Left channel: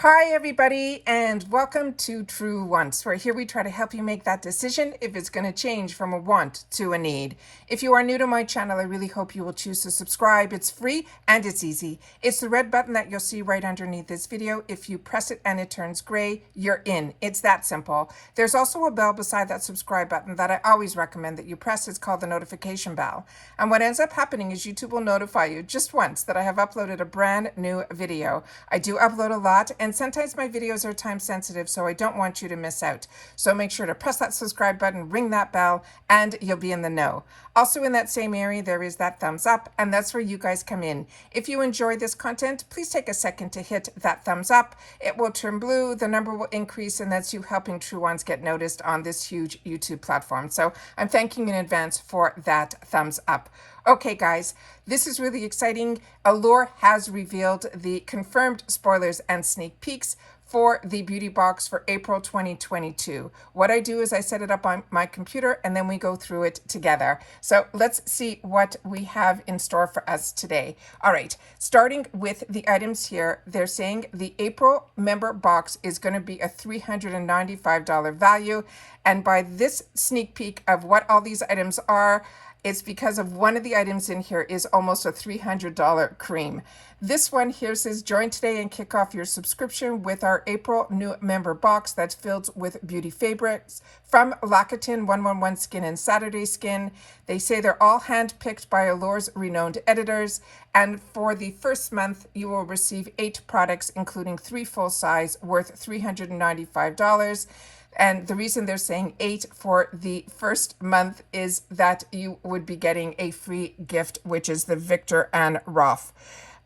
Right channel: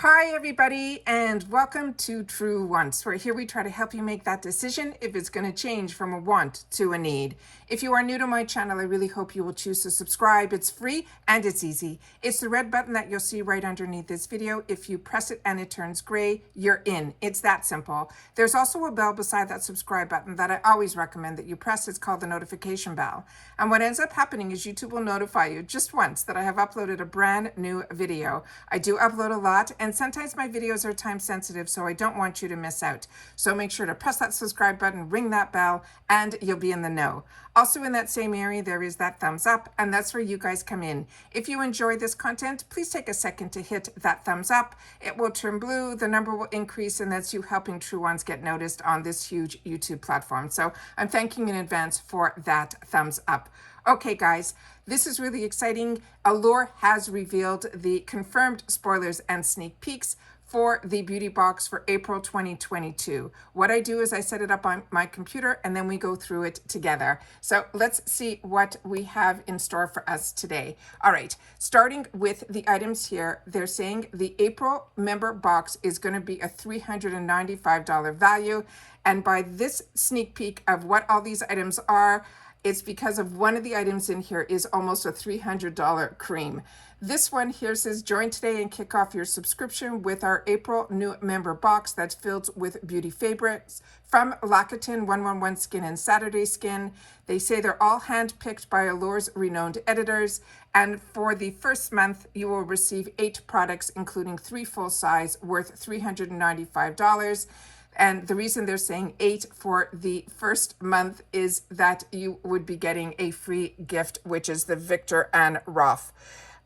Hi, everybody, and welcome to True Wants, where here we try to help you make that decision if it's going to change from a want to a need. If you are new to my channel, I really hope you will choose to subscribe. It's free and it's easy. It's the red button that you'll see right underneath this video. If you press it and it turns gray, you're in. It's that simple. There's also a bell beside that subscribe button that I always recommend that you press. It's called the notification bell. And what ends up happening is YouTube will notify you just once that I have uploaded a brand new video. I do upload a lot, and sometimes my videos are time sensitive, so I don't want you to miss out. So make sure to press that subscribe button, ring that bell, and you'll be in the know. Also in that same area, there is that thumbs up, and that's where you guys come in. If you enjoy this content, please take a second to hit that thumbs up. It will turn blue, the number will increase, and that's you helping True Ones get noticed on this huge YouTube platform. So I'm thanking you in advance for that thumbs up. Okay, guys, this is really exciting. Allure has revealed the confirmed spoilers and sneak peeks for the beauty box for April 2022. What I do is I set it up on my computer and then we go through it together. So let's see what we have in store for us today. All right, starting with the items here, they're saying the April member box is going to be a $395 value. And by this sneak peek of what all these items are, it's because of one of the items in here is almost a $300 cream. This one here says, join today and kick off your subscription with our April new member box that's filled with beauty favorites from L'Occitane 111 Skin and Saturday Skin. They say they're all hand-picked by Allure's renowned editors. And for the first month, you will receive 8 products, including 3 full size worth $395. And the reason they're saying 8 for the first month is that you would be getting a free gift, which is the Victor and Rolf.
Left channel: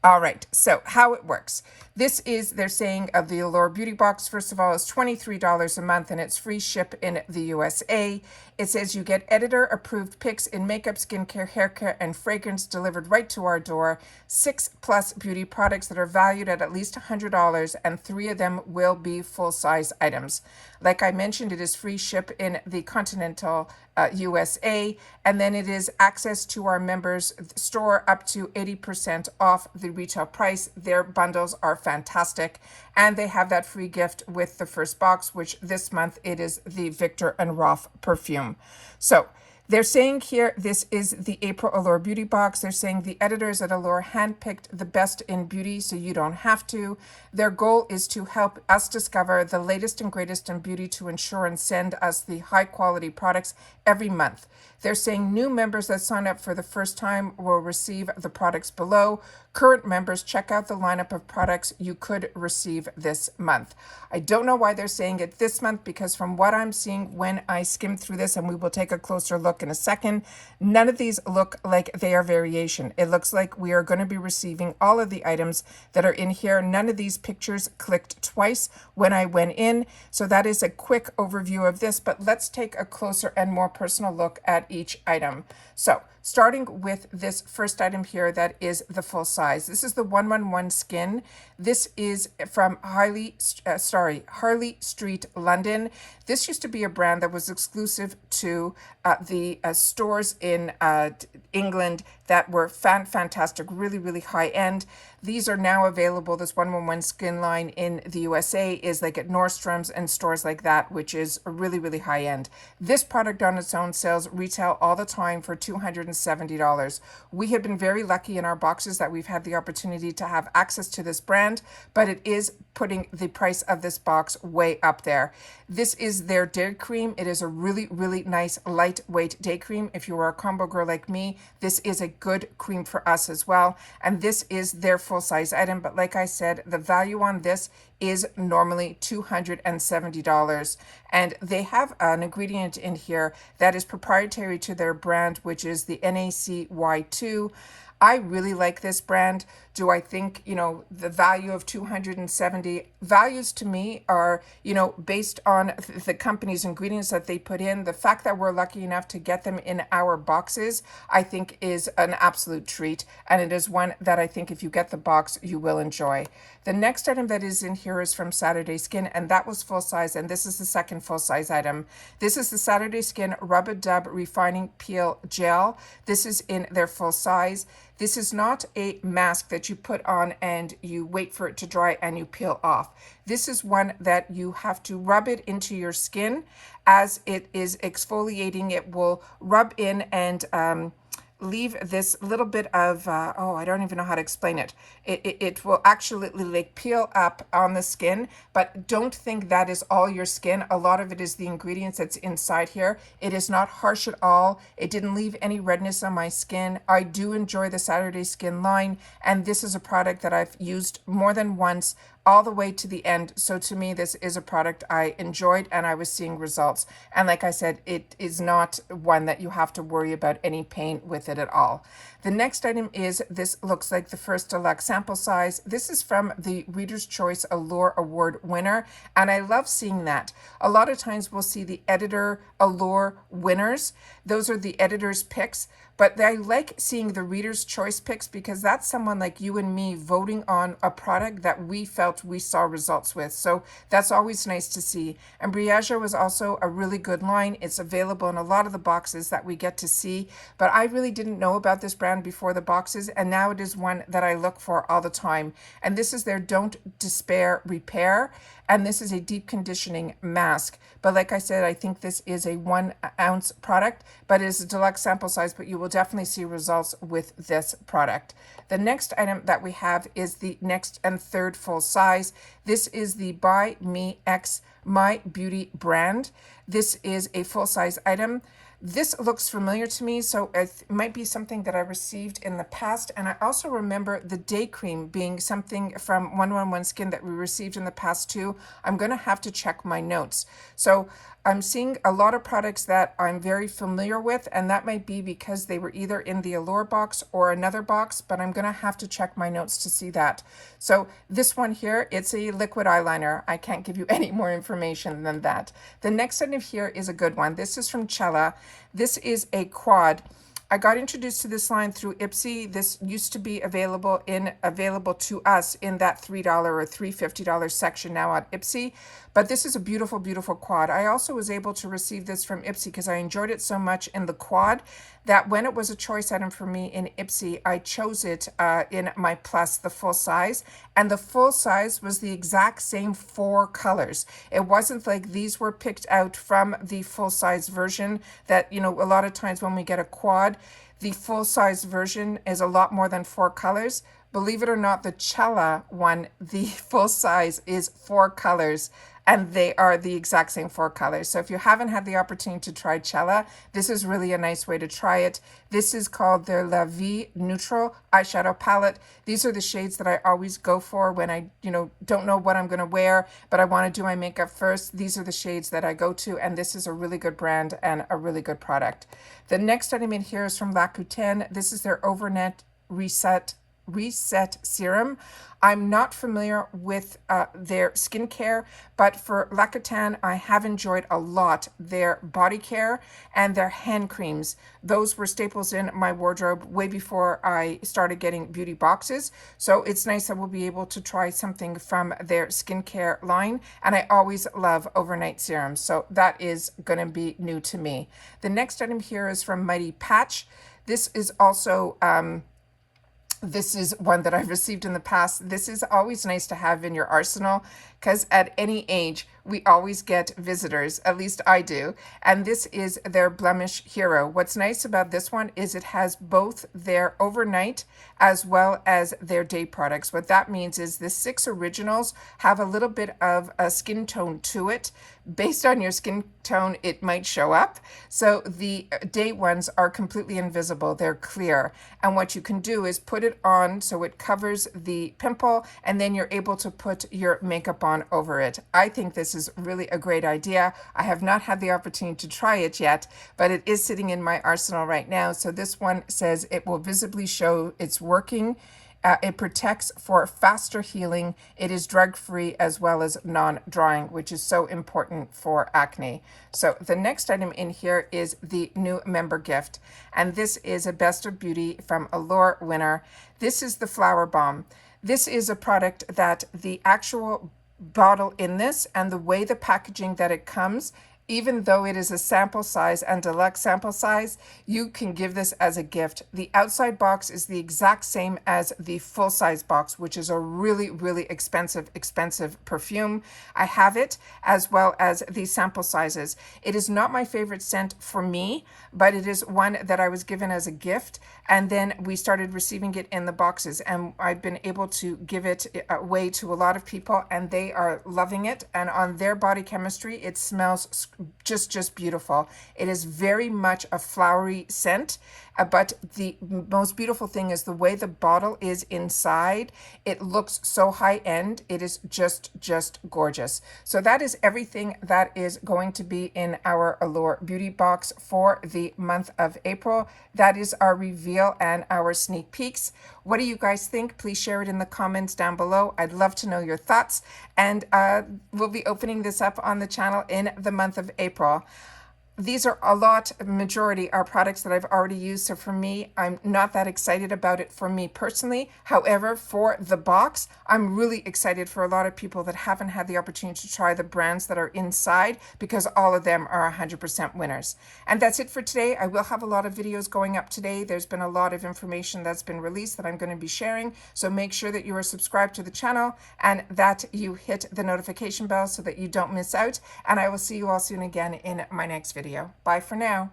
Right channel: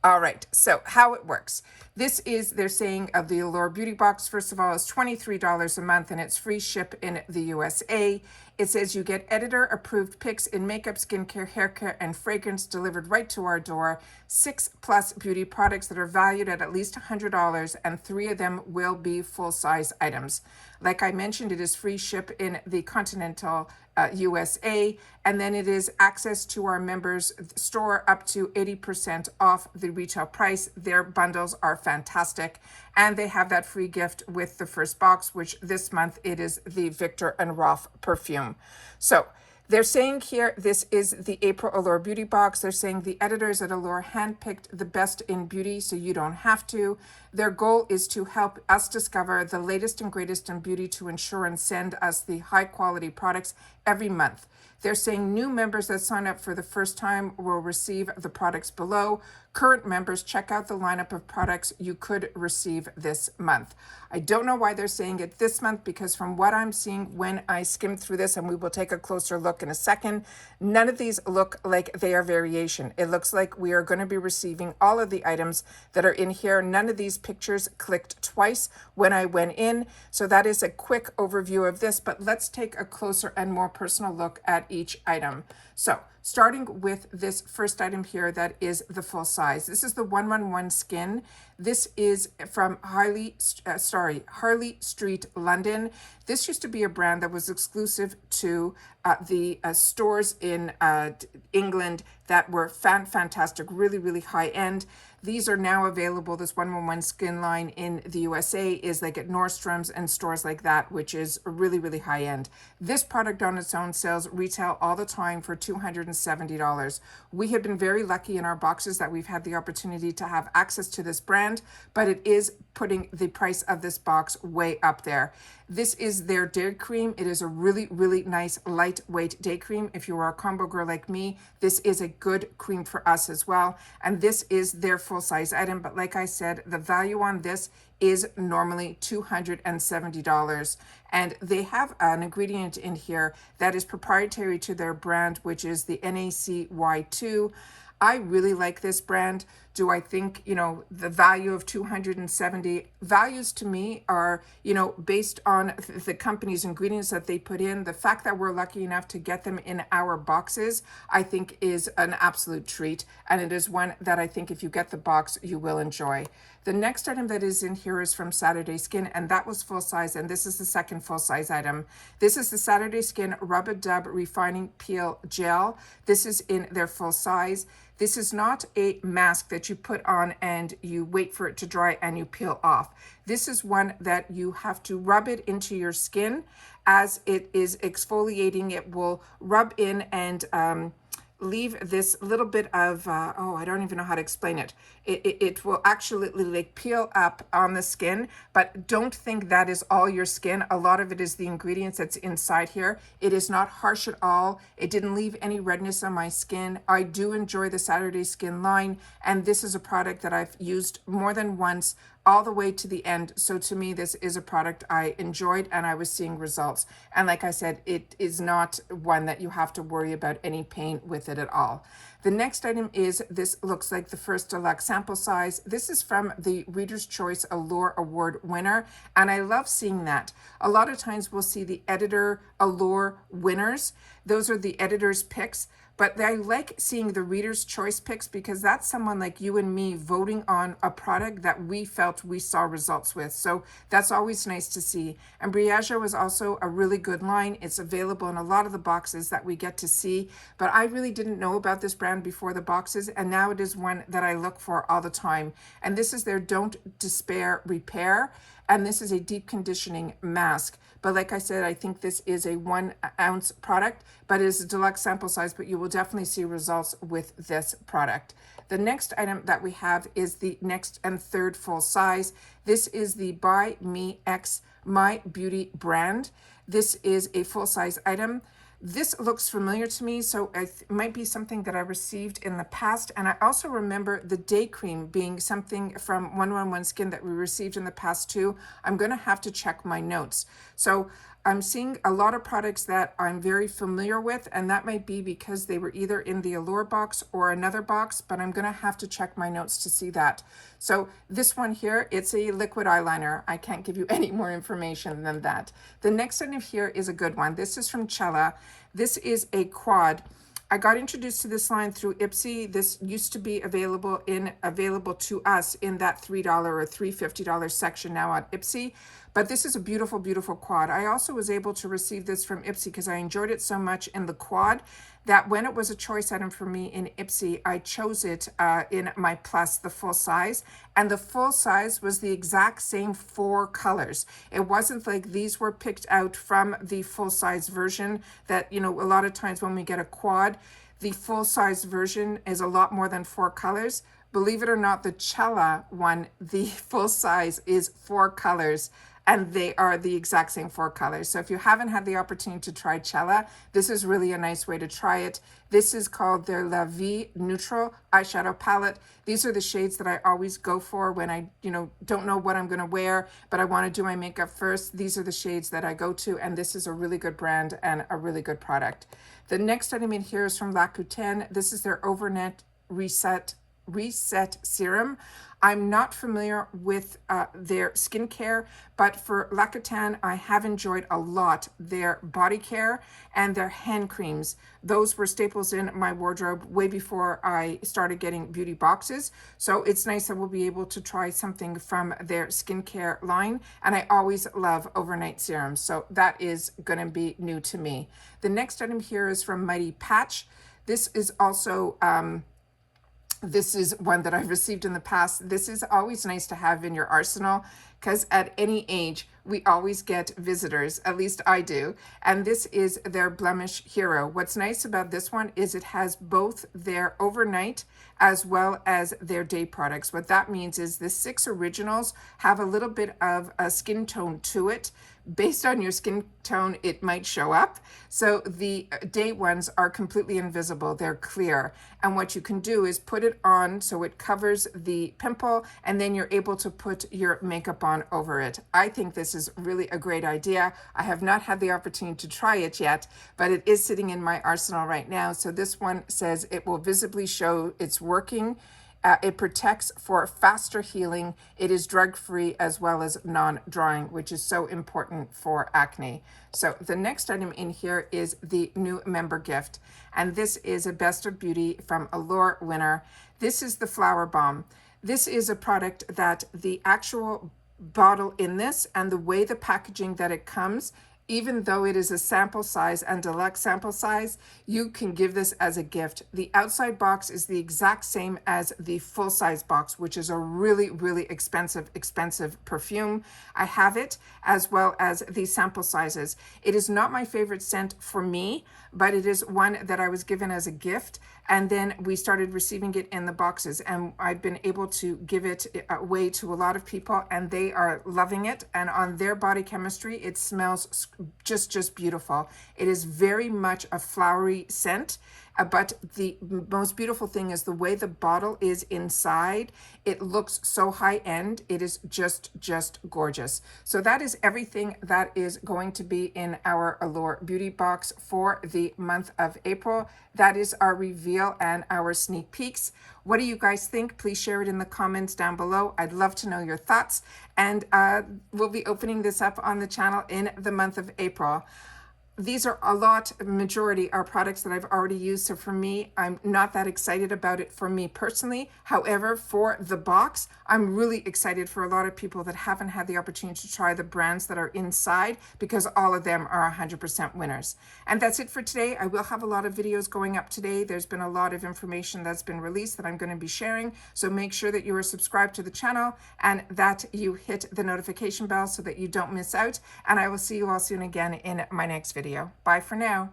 All right, so how it works. This is, they're saying, of the Allure Beauty Box, first of all, is $23 a month, and it's free ship in the USA. It says you get editor-approved picks in makeup, skincare, hair care, and fragrance delivered right to our door. 6+ beauty products that are valued at least $100, and 3 of them will be full-size items. Like I mentioned, it is free ship in the continental USA, and then it is access to our members store up to 80% off the retail price. Their bundles are fantastic, and they have that free gift with the first box, which this month it is the Victor and Rolf perfume. So they're saying here, this is the April Allure Beauty Box. They're saying the editors at Allure handpicked the best in beauty, so you don't have to. Their goal is to help us discover the latest and greatest in beauty to ensure and send us the high quality products every month. They're saying new members that sign up for the first time will receive the products below. Current members, check out the lineup of products you could receive this month. I don't know why they're saying it this month, because from what I'm seeing when I skim through this, and we will take a closer look in a second, none of these look like they are variation. It looks like we are going to be receiving all of the items that are in here. None of these pictures clicked twice when I went in. So that is a quick overview of this, but let's take a closer and more personal look at each item. So starting with this first item here, that is the full size. This is the 111 Skin. This is from Harley Street, London. This used to be a brand that was exclusive to the stores in England that were fantastic, really high end. These are now available. This 111 Skin line in the USA is like at Nordstrom's and stores like that, which is really high end. This product on its own sells retail all the time for $270. We have been very lucky in our boxes that we've had the opportunity to have access to this brand, but it is putting the price of this box way up there. This is their day cream. It is a really nice lightweight day cream. If you are a combo girl like me, this is a good cream for us as well. And this is their full size item. But like I said, the value on this is normally $270. And they have an ingredient in here that is proprietary to their brand, which is the NACY2. I really like this brand. Do I think, the value of 270 values to me are, based on the company's ingredients that they put in. The fact that we're lucky enough to get them in our boxes, I think is an absolute treat. And it is one that I think if you get the box, you will enjoy. The next item that is in here is from Saturday Skin, and that was full size. And this is the second full size item. This is the Saturday Skin Rub-A-Dub Refining Peel Gel. This is in their full size. This is not a mask that you put on and you wait for it to dry and you peel off. This is one that you have to rub it into your skin. As it is exfoliating, it will rub in and leave this little bit of, oh, I don't even know how to explain it. It will actually like peel up on the skin, but don't think that is all your skin. A lot of it is the ingredients that's inside here. It is not harsh at all. It didn't leave any redness on my skin. I do enjoy the Saturday Skin line, and this is a product that I've used more than once, all the way to the end. So to me, this is a product I enjoyed and I was seeing results. And like I said, it is not one that you have to worry about any pain with it at all. The next item is, this looks like the first deluxe sample size. This is from the Reader's Choice Allure Award winner, and I love seeing that. A lot of times we'll see the editor Allure winners. Those are the editor's picks, but I like seeing the Reader's Choice picks because that's someone like you and me voting on a product that we felt we saw results with. So that's always nice to see. And Briaja was also a really good line. It's available in a lot of the boxes that we get to see, but I really didn't know about this brand before the boxes, and now it is one that I look for all the time. And this is their Don't Despair Repair, and this is a deep conditioning mask. But like I said, I think this is a 1 ounce product, but it is a deluxe sample size, but you will definitely see results with this product. The next item that we have is the next and third full size. This is the By Me X My Beauty brand. This is a full size item. This looks familiar to me, so it might be something that I received in the past. And I also remember the day cream being something from 111 Skin that we received in the past too. I'm going to have to check my notes. So I'm seeing a lot of products that I'm very familiar with, and that might be because they were either in the Allure box or another box, but I'm going to have to check my notes to see that. So this one here, it's a liquid eyeliner. I can't give you any more information than that. The next item here is a good one. This is from Cella. This is a quad. I got introduced to this line through Ipsy. This used to be available to us in that $3 or $3.50 section now on Ipsy. But this is a beautiful, beautiful quad. I also was able to receive this from Ipsy because I enjoyed it so much in the quad that when it was a choice item for me in Ipsy, I chose it in my plus, the full size. And the full size was the exact same 4 colors. It wasn't like these were picked out from the full size version that, you know, a lot of times when we get a quad, the full size version is a lot more than 4 colors. Believe it or not, the Cella one, the full size is 4 colors, and they are the exact same 4 colors. So if you haven't had the opportunity to try Cella, this is really a nice way to try it. This is called their La Vie Neutral eyeshadow palette. These are the shades that I always go for when I, don't know what I'm going to wear, but I want to do my makeup first. These are the shades that I go to, and this is a really good brand and a really good product. The next item in here is from L'Occitane. This is their Overnight Reset Serum. I'm not familiar with their skincare, but for L'Occitane, I have enjoyed a lot their body care and their hand creams. Those were staples in my wardrobe way before I started getting beauty boxes. So it's nice that we'll be able to try something from their skincare line. And I always love overnight serums. So that is going to be new to me. The next item here is from Mighty Patch. This is also this is one that I've received in the past. This is always nice to have in your arsenal because at any age, we always get visitors, at least I do. And this is their Blemish Hero. What's nice about this one is it has both their overnight as well as their day products. What that means is the 6 originals have a little bit of a skin tone to it. Based on your skin tone, it might show up. So the day ones are completely invisible. They're clear. And what you can do is put it on so it covers the pimple, and then you're able to put your makeup on over it. I think this is really a great idea. I have not had the opportunity to try it yet, but it is sitting in my arsenal right now. So this one says it will visibly show it's working. It protects for faster healing. It is drug-free as well as non-drying, which is so important for acne. So the next item in here is the new member gift. And this is a Best of Beauty from Allure winner. This is the Flower Bomb. This is a product that the actual bottle in this and the way the packaging that it comes even though it is a sample size and deluxe sample size, you can give this as a gift. The outside box is the exact same as the full size box, which is a really, really expensive perfume. I have it as well as the sample sizes. It is not my favorite scent for me, but it is one that I was given as a gift. And then we started receiving it in the boxes, and I've been able to give it away to a lot of people, and they are loving it. And on their body chemistry, it smells just beautiful. It is very much a flowery scent, but the most beautiful thing is the way the bottle is inside. It looks so high end. It is just gorgeous. So that is everything that is going to be in our Allure beauty box for the month of April. That is our reveal and our sneak peeks. What do you guys think? Please share it in the comments down below. I'd love to know your thoughts. And we'll be opening this up on the channel in the month of April. These are majority are products that I've already used. So for me, I'm not that excited about it for me personally. However, for the box, I'm really excited for a lot of people that haven't had the opportunity to try the brands that are inside, because all of them are 100% winners. And that's it for today. I will have a lot of videos going up today. There's been a lot of information that's been released that I'm going to be sharing. So make sure that you are subscribed to the channel and that you hit the notification bell so that you don't miss out. And I will see you all soon again in my next video. Bye for now.